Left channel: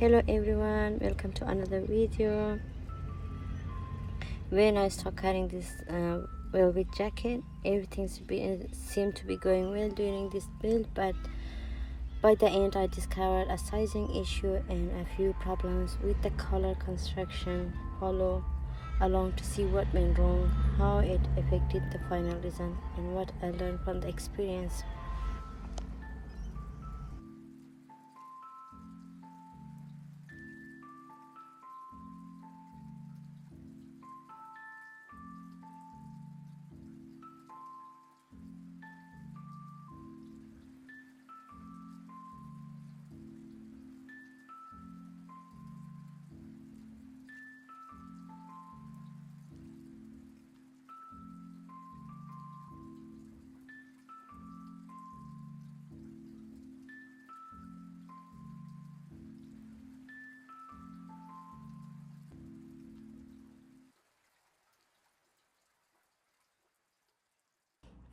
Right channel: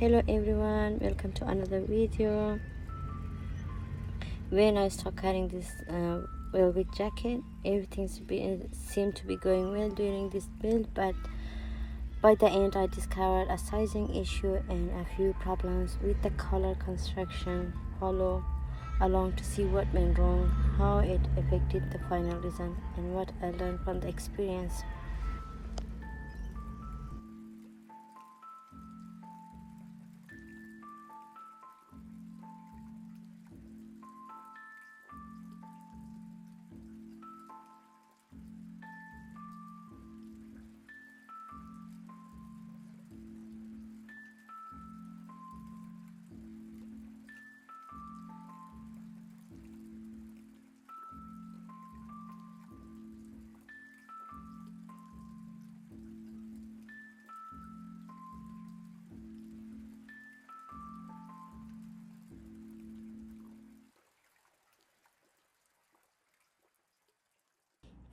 Hello everyone, welcome to another video. When I start cutting this velvet jacket, everything seemed to be going well during this build, but by the end I discovered a sizing issue and a few problems with the collar construction. Follow along to see what went wrong, how it affected the final design, and what I learned from the experience.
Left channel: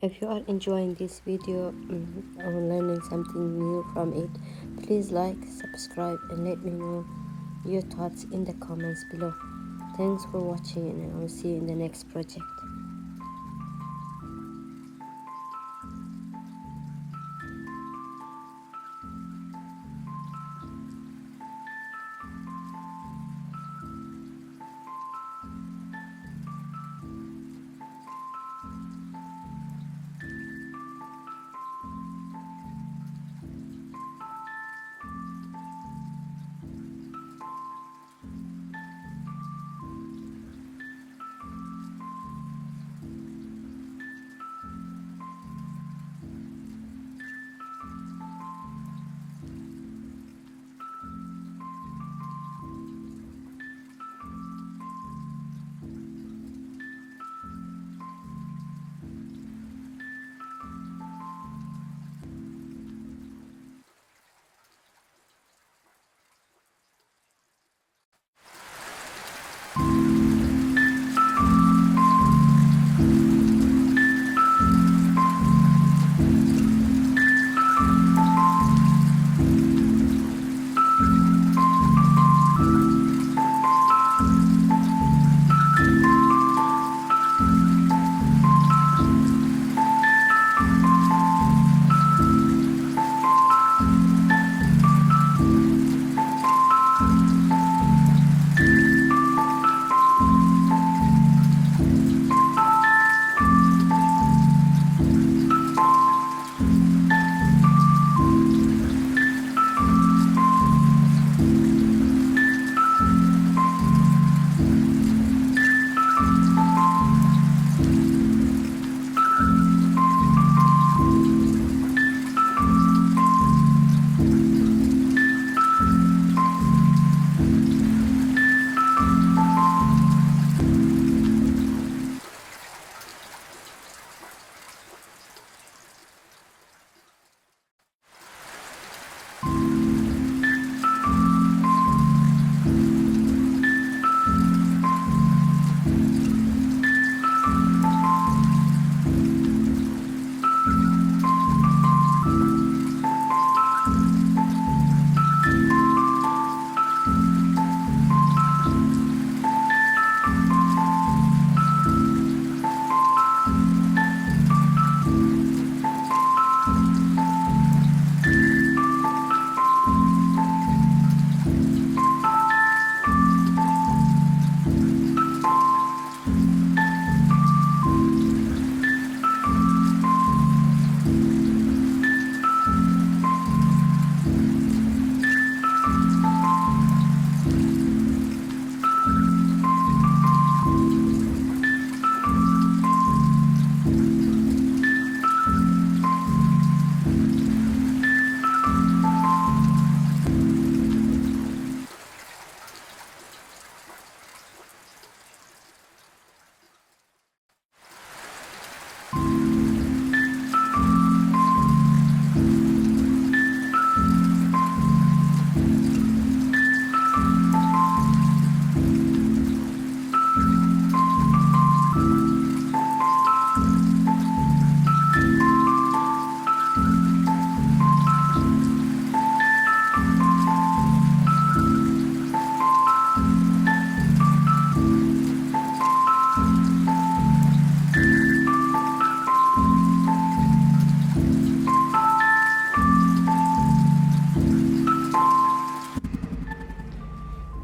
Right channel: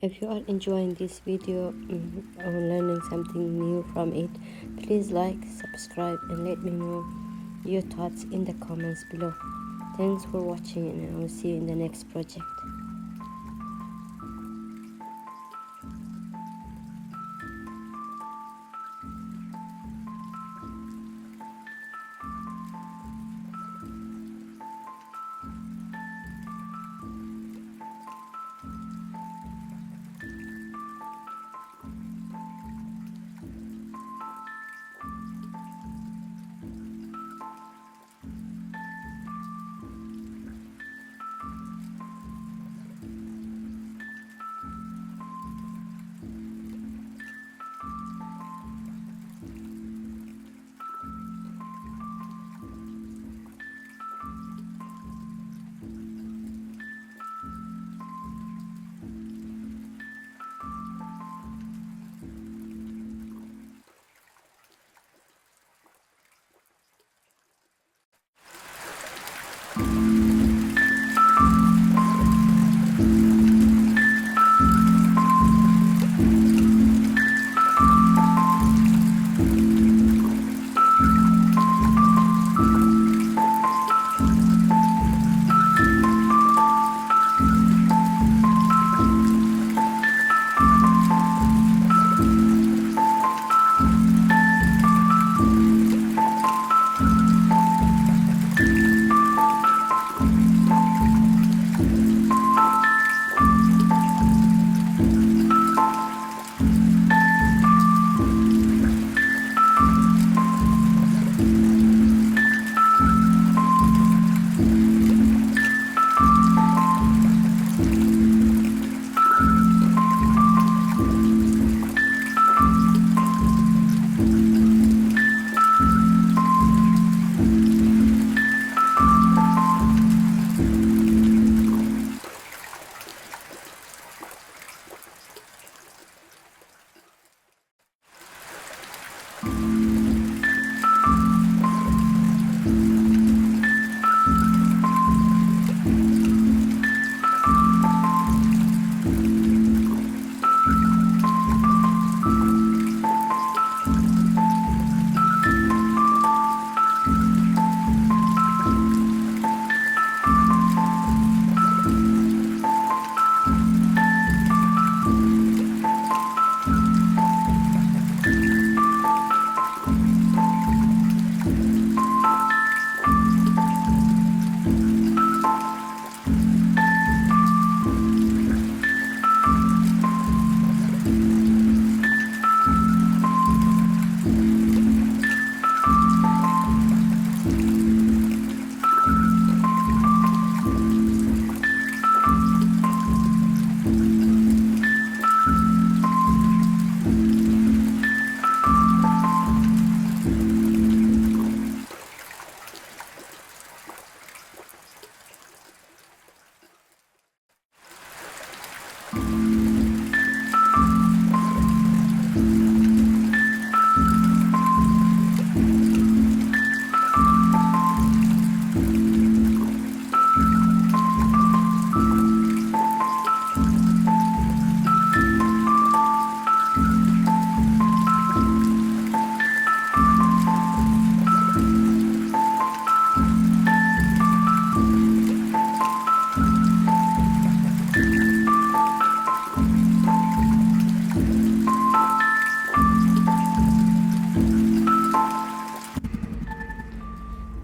If you are enjoying this video or learning something new from it, please like, subscribe, and let me know your thoughts in the comments below. Thanks for watching, and I will see you in the next project.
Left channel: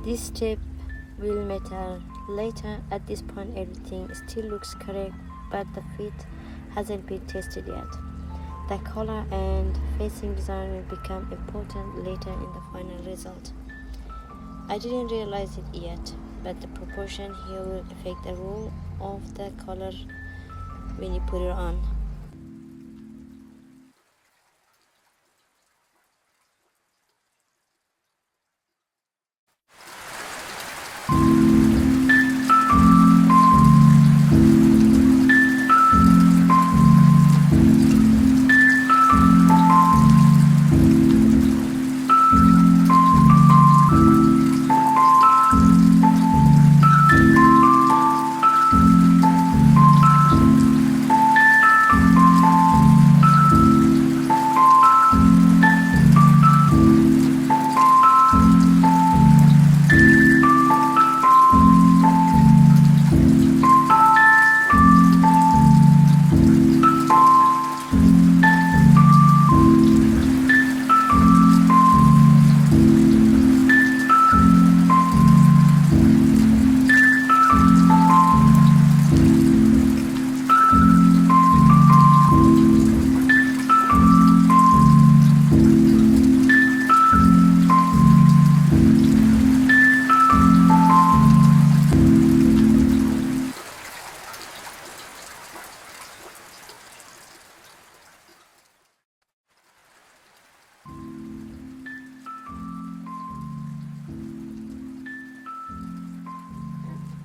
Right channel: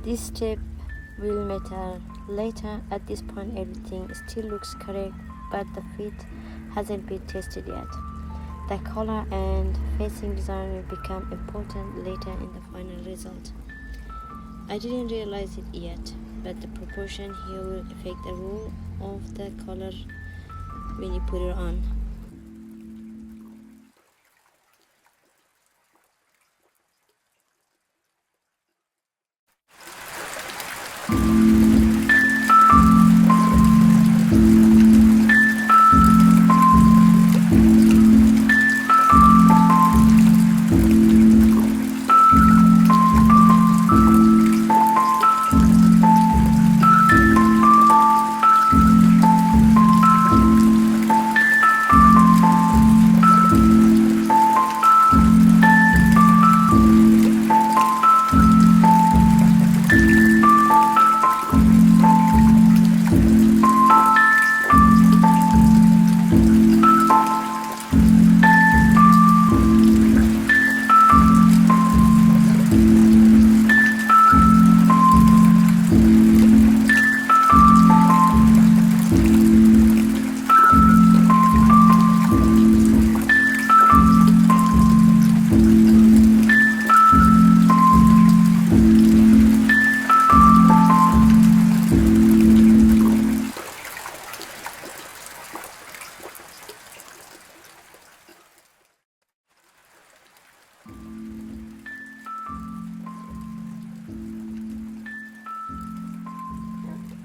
This step will matter later. At this point everything still looks correct, but the fit hasn't been tested yet. The color and facing design will become important later in the final result. I didn't realize it yet, but the proportion here will affect the role of the color when you put it on.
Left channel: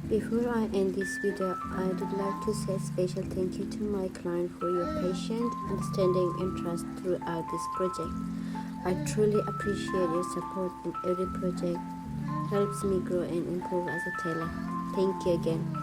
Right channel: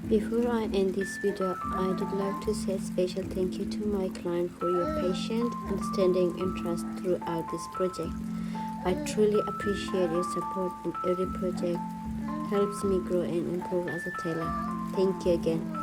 Before I end this video, I would like to say a special thank you to my client for your patience, understanding and trust throughout this project. I truly appreciate your support, and every project helps me grow and improve as a tailor. Thank you again.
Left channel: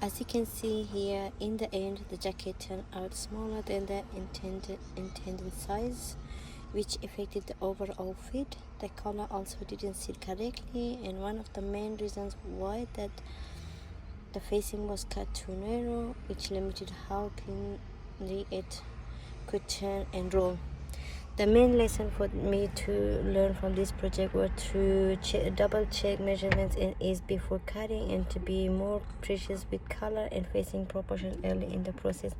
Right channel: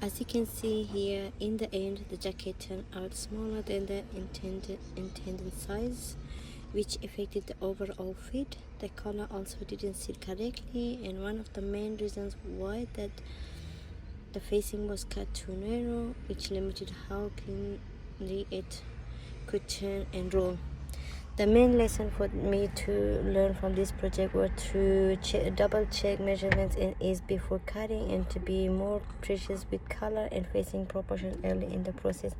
As you can see here, in the end the jacket turned out smaller than the intended size, which affected the overall fit. The collar also didn't sit correctly, and one of the main reasons why that the facing was cut too narrow, which limited how cleanly it could turn and roll. The main lesson for me to learn from this project was to double check measurements and ease before cutting, and to be more precise with color and facing proportion early in the process.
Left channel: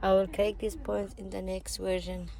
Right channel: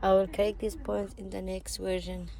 I will correct these points in the next version.